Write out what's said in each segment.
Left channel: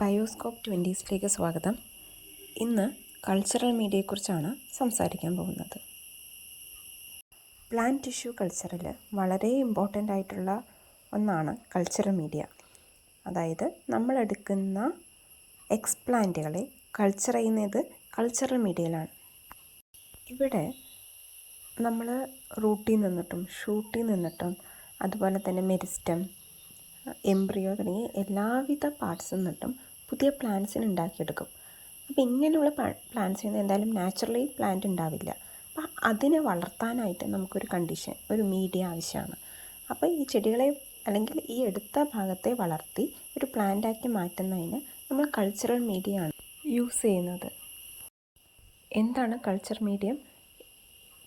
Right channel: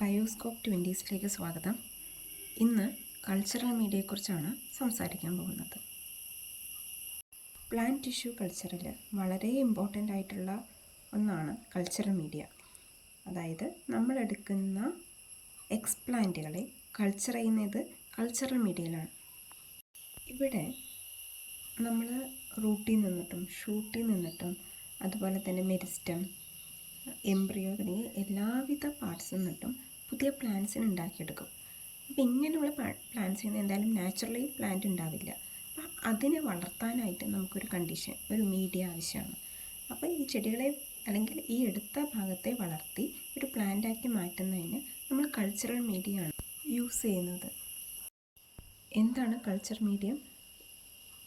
Bioscope 20ലേക്ക് സ്വാഗതം. ഇന്ന് cultural മീഡിയയെക്കുറിച്ചാണ് സംസാരിക്കാൻ പോകുന്നത്. പ്ലാന്റ് ടിഷ്യൂ കൾച്ചറിൽ വളരെ ഇമ്പോർട്ടൻ്റ് ആയിട്ടുള്ള ഒന്നാണ് കൾച്ചറൽ മീഡിയ. അതായത് നമ്മളെടുക്കുന്ന എക്സ്പ്ലാന്റുകളെ കൾച്ചർ ചെയ്യുന്നത് കൾച്ചറൽ മീഡിയയിലാണ്. ഇവിടെ നമ്മൾ റൂട്ടിൽ നിന്നിട്ടും ഷൂട്ടിൽ നിന്നിട്ടും അതുപോലെ തന്നെ മെരിസ്റ്റം, എംബ്രിയോ തുടങ്ങിയ എല്ലാവിധ പാർട്സിൽ നിന്നിട്ടും പുതിയ പ്ലാന്റ്സിന് ഉണ്ടാക്കിയെടുക്കും. അപ്പോൾ ഇങ്ങനെയുള്ള പ്ലാന്റ്സിൽ നിന്ന് എന്തായാലും നാച്ചുറലി പ്ലാന്റ് ഉണ്ടാവില്ല. അപ്പോൾ അതിനെ വളർത്താനായിട്ട് നമുക്കൊരു കണ്ടീഷൻ, ഒരു മീഡിയ ആവശ്യമാണ്. അപ്പോൾ ഈ ചെടികളെ അല്ലെങ്കിൽ ഈ എടുത്ത ഭാഗത്തെ വളർത്തി ഒരു പ്ലാന്റാക്കി മാറ്റുന്നതിന് നമ്മൾ കൾച്ചറൽ മീഡിയയാണ് യൂസ് ചെയ്യുന്നത്. എന്താണ് culture medium?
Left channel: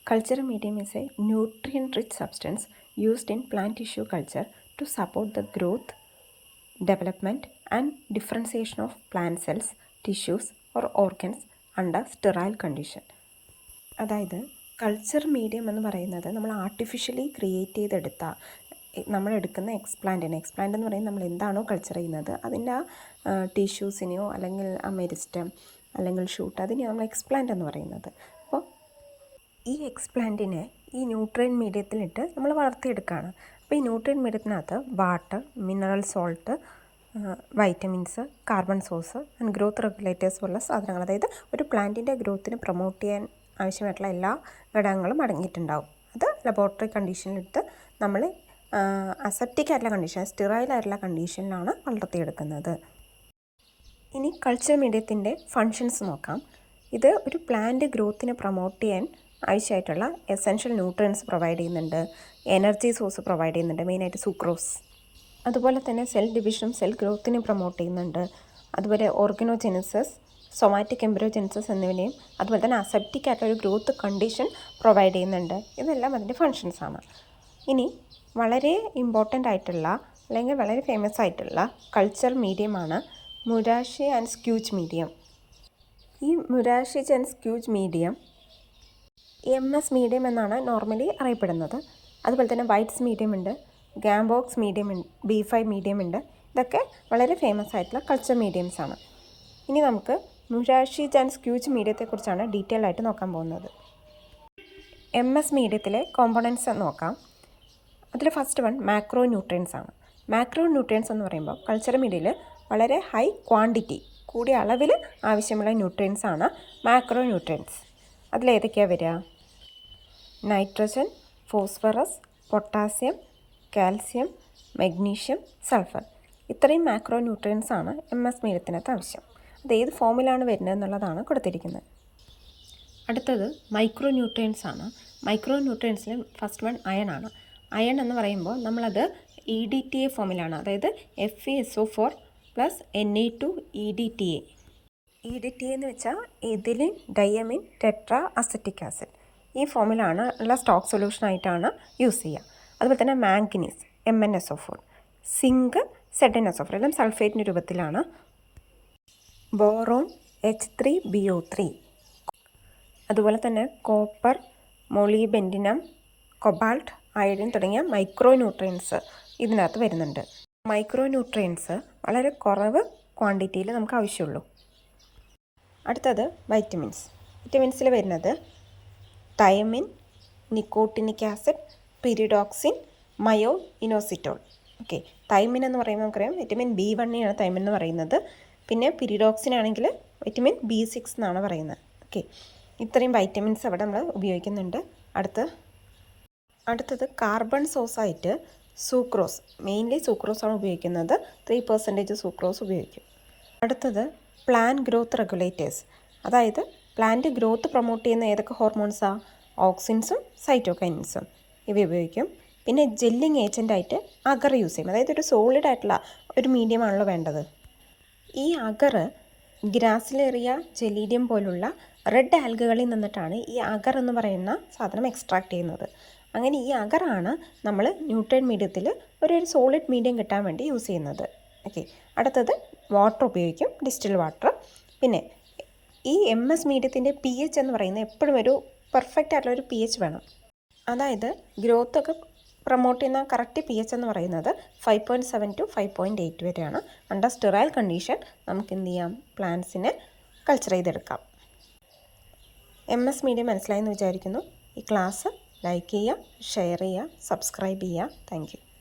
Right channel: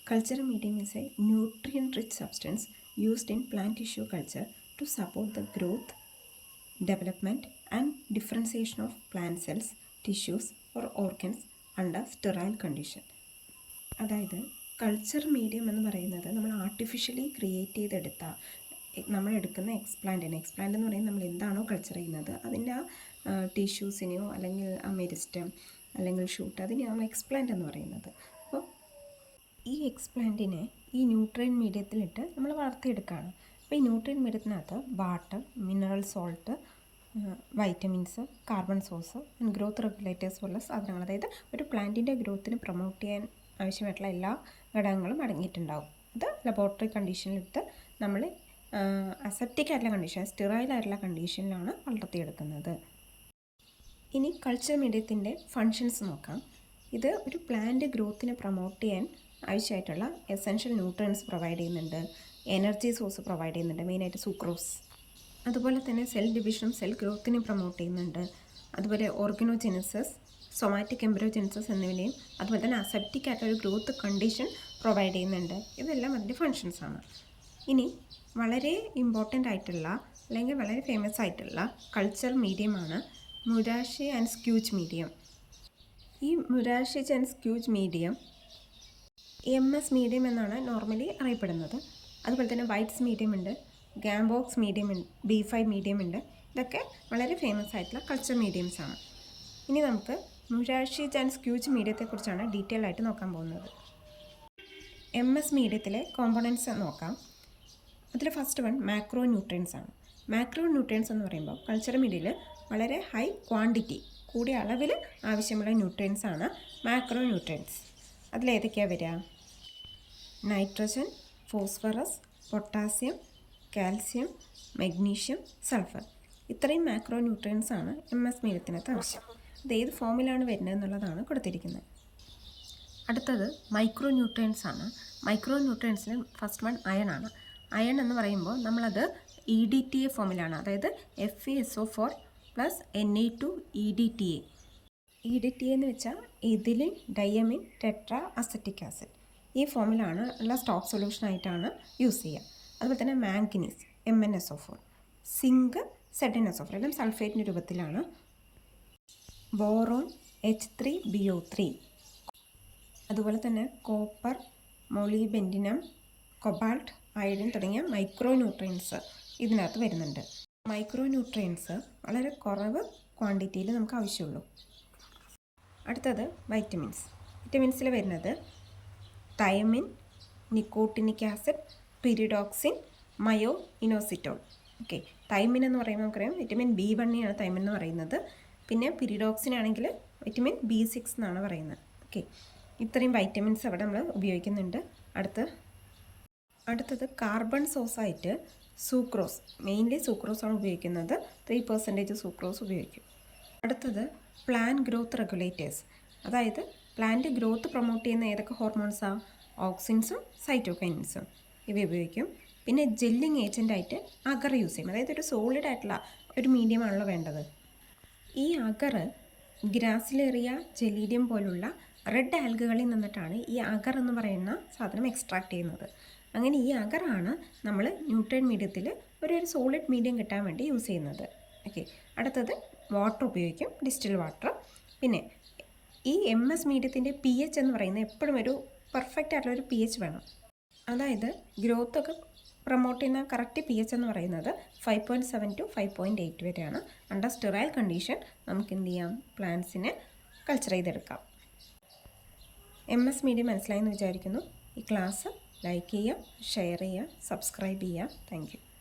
Cultural medium is a nutrient-rich substance used in plant tissue culture to support the growth, development and differentiation of plant cells, tissues or organs under sterile condition. അതായത് culture medium എന്ന് പറയുന്നത് നമ്മൾ artificially create ചെയ്തെടുത്ത നമ്മളെടുക്കുന്ന explant എന്ന് പറയുന്നത് നമ്മൾ എന്താണോ culture ചെയ്യുന്നത് അതിൻ്റെ ആ ടിഷ്യൂസിനെയോ അല്ലെങ്കിൽ ആ മെരിസ്റ്റം അല്ലെങ്കിൽ ഷൂട്ട് അതിനെയാണ് നമ്മൾ എക്സ്പ്ലാന്റ് എന്ന് പറയുന്നത്. അപ്പോൾ ഈ എക്സ്പ്ലാന്റിനെ ഈ ന്യൂട്രിയൻ മീഡിയത്തിലിട്ട് നമ്മൾ വളർത്തിയെടുക്കുകയാണ്. അപ്പോൾ ഈ ന്യൂട്രിയൻ മീഡിയത്തിനകത്ത് water, mineral salt, vitamins, carbon source and growth regulators പോലുള്ള സാധനങ്ങൾ, അതായത് ഒരു പ്ലാന്റിൻ്റെ ഗ്രോത്തിനെ പ്രൊമോട്ട് ചെയ്യാൻ ആവശ്യമായിട്ടുള്ള എല്ലാ ഘടകങ്ങളും അടങ്ങിയിട്ടുണ്ടാവും. അത് ലബോറട്ടറി കണ്ടീഷനിലിട്ട് നമ്മൾ അസെപ്റ്റിക് ആയിട്ടുള്ള കണ്ടീഷൻ, സ്റ്റെറൈൽ ആയിട്ടുള്ള കണ്ടീഷനിലാണ് വളർത്തിയെടുക്കുന്നത്. ഇനി കൾച്ചർ മീഡിയത്തിൻ്റെ ഫങ്ഷൻസ് നോക്കാം. ഇത് ഒരു പ്ലാന്റ് ഗ്രോത്തിനെ പ്രൊമോട്ട് ചെയ്യാൻ ആവശ്യമായിട്ടുള്ള എസെൻഷ്യൽ ന്യൂട്രിയൻസ് പ്രൊവൈഡ് ചെയ്യുന്നുണ്ട്, എനർജി സോഴ്സ് പ്രൊവൈഡ് ചെയ്യുന്നുണ്ട്, മെയിനായിട്ട് സുക്രോസ്. അതുപോലെ തന്നെ സെൽ ഡിവിഷനും സെൽ ഗ്രോത്തിനെ പ്രൊമോട്ട് ചെയ്യുന്നുണ്ട്. അതുപോലെ ഓർഗനോജെനസിസ്, സൊമാറ്റിക് എംബ്രിയോജെനസിസ് എന്നിവനെയും അതുപോലെ തന്നെ അസെപ്റ്റിക് ആയിട്ടൊരു ഗ്രോത്ത് കണ്ടീഷൻ പ്രൊവൈഡ് ചെയ്യുന്നുണ്ട്. ഇതെല്ലാം അതിൻ്റെ ഫങ്ഷൻസാണ്. ഇനി വളരെ ഇമ്പോർട്ടൻ്റ് ആയിട്ടുള്ള അല്ലെങ്കിൽ വളരെ ഫേമസ് ആയിട്ടുള്ള കൾച്ചർ മീഡിയമാണ് മുരാഷി ആൻഡ് സ്ക്യൂജ് മീഡിയം. ഈ മുരാഷി ആൻഡ് സ്ക്യൂജ് മീഡിയം MS മീഡിയം എന്നാണ് നോർമലി അറിയപ്പെടുന്നത്. അതുപോലെ തന്നെ വൈറ്റ്സ് മീഡിയം ഉണ്ട്, ഗാംബോക്സ് മീഡിയം ഉണ്ട്, B5 മീഡിയം ഉണ്ട്. ഇതൊക്കെ വളരെ ഫേമസ് ആയിട്ടുള്ള കൾച്ചർ മീഡിയംസ് ആണ്. ഇനി നമുക്ക് മുരാഷി ആൻഡ് സ്ക്യൂജ് മീഡിയത്തെക്കുറിച്ചാണ് ഡീറ്റെയിൽ ആയിട്ട് നോക്കാൻ പോകുന്നത്. MS മീഡിയത്തിലെ കോമ്പോണൻസ് നോക്കാം. അതിൽ ഫസ്റ്റ് വൺ മാക്രോ ന്യൂട്രിയൻസ് ആണ്. മാക്രോ ന്യൂട്രിയൻസ് എന്ന് പറയുമ്പോൾ കൾച്ചർ മീഡിയയിൽ വളരെ ഹൈ ക്വാണ്ടിറ്റി, കൂടിയ അളവിൽ ആവശ്യമുള്ള ന്യൂട്രിയൻസ് ആണ് മാക്രോ ന്യൂട്രിയൻസ്. അതിലേതൊക്കെയാണ് വരിക? Nitrogen, phosphorus, potassium, calcium, magnesium, sulphur. ഇത്രയും മാക്രോ ന്യൂട്രിയൻസ് ആണ് MS മീഡിയത്തിനകത്ത് ആവശ്യം. അത് ഏത് ഫോമിലാണ് വരുന്നത് എന്നുള്ളതാണ് കൊടുത്തിരിക്കുന്നത്. അടുത്തത് മൈക്രോ ന്യൂട്രിയൻസ് ആണ്. മൈക്രോ ന്യൂട്രിയൻസിൽ ഫസ്റ്റ് വൺ അയൺ ആണ്. അയൺ എന്ന് പറയുമ്പോൾ നമ്മളത് EDTA ഫോമിലാണ്, അതായത് FeSO4 + Na2EDTA. EDTA എന്ന് വെച്ചാൽ ethylene diamine tetra acetic acid. ഈ ഫോമിലാണ് ഉള്ള സ്റ്റോക്ക് സൊല്യൂഷനായിട്ടാണ് യൂസ് ചെയ്യുക. അതുപോലെ തന്നെ മാംഗനീസ് MnSO4, സിങ്ക് ZnSO4, എല്ലാം സൾഫേറ്റിൻ്റെ രൂപത്തിലാണ്. ബോറോൺ H3BO3, അതുപോലെ തന്നെ കോപ്പർ, മൊളിബെൻഡിനം, കൊബാൾട്ട്, അയഡിൻ തുടങ്ങിയ മൈക്രോ ന്യൂട്രിയൻസ് ഇതിനകത്ത് വരുന്നുണ്ട്. മൈക്രോ ന്യൂട്രിയൻസ് വളരെ കുറവ് ക്വാണ്ടിറ്റിയിൽ നമുക്ക് ആവശ്യമുള്ളൂ. അടുത്തത് വൈറ്റമിൻസ്. വിറ്റമിൻസിൽ വരുന്നത് തൈമിൻ, നിക്കോട്ടിനിക് ആസിഡ്, പിരിഡോക്സിൻ, മയോ ഇനോസിറ്റോൾ. ഓക്കെ, തൈമിൻ എന്ന് പറയുമ്പോൾ നമുക്കറിയാം വിറ്റമിൻ B1 തൈമിൻ എന്ന് പറയുന്നത്. പിന്നെ പിരിഡോക്സിൻ ആണെങ്കിൽ വിറ്റമിൻ B6 എന്നാണ് പറയുന്നത്. ഓക്കെ, ഇത്രയും വൈറ്റമിൻസ് അവിടെ നമ്മൾ ഉപയോഗിക്കുന്നുണ്ട്. അടുത്തത് കാർബൺ സോഴ്സായിട്ട് സൂക്രോസ്, മെയിൻലി സൂക്രോസാണ് ഉപയോഗിക്കുന്നത്. 3% സൂക്രോസ് ഉപയോഗിക്കും. അടുത്തത് പ്ലാന്റ് ഗ്രോത്ത് റെഗുലേറ്റേഴ്സ്, അതായത് പ്ലാന്റ് ഗ്രോത്ത് പ്രൊമോട്ട് ചെയ്യുന്ന ഏതൊക്കെ ഹോർമോൺസാണ്? ഓക്സിൻസും സൈറ്റോകൈൻസും ഇവ ഉപയോഗിക്കും. പിന്നെ ജെല്ലിങ് ഏജൻ്റായിട്ട് അഗർ യൂസ് ചെയ്യും. അതായത് ഒരു സോളിഡ് ആയിട്ടുള്ള ഒരു മീഡിയമാണല്ലോ വേണ്ടത്. ഈ അഗർ ഗ്രാസിലേറിയ, ജെലീഡിയം പോലുള്ള റെഡ് ആൽഗകളിൽ നിന്നിട്ടാണ് ഈ അഗർ എന്ന് പറയുന്ന സാധനം എക്സ്ട്രാക്ട് ചെയ്യുന്നത്. അങ്ങനെ ഈ അഗറാണ് നമ്മൾ ന്യൂട്രിയൻ മീഡിയത്തിൽ ഒരു സോളിഡ് മീഡിയം കിട്ടാൻ വേണ്ടി യൂസ് ചെയ്യുന്നത്. ഓക്കെ, അടുത്തത് വാട്ടർ ഉപയോഗിക്കും, ഡിസ്റ്റിൽ വാട്ടർ. പിന്നെ ഈ MS മീഡിയത്തിൻ്റെ pH എന്ന് പറയുന്നത് എപ്പോഴും ഒരു പെർഫെക്റ്റ് ആയിട്ടുള്ള ഒരു pH വേണം. അതായത് ഗ്രോത്തൊക്കെ പ്രൊമോട്ട് ചെയ്യുന്ന കറക്റ്റ് pH എന്ന് പറയുന്നത് 5.7 to 5.8 വരെയാണ്. അണ്ടർ സ്റ്റെറൈൽ കണ്ടീഷൻ നമുക്ക് എന്ത് ചെയ്യാം, പ്ലാന്റ്സിനെ കൾച്ചർ ചെയ്തെടുക്കാം. MS മീഡിയ മനസ്സിലായെന്ന് വിചാരിക്കുന്നു. ഈ ക്ലാസ് ലൈക്ക് ചെയ്യുക, ഷെയർ ചെയ്യുക, സബ്സ്ക്രൈബ് ചെയ്യുക. Thank you.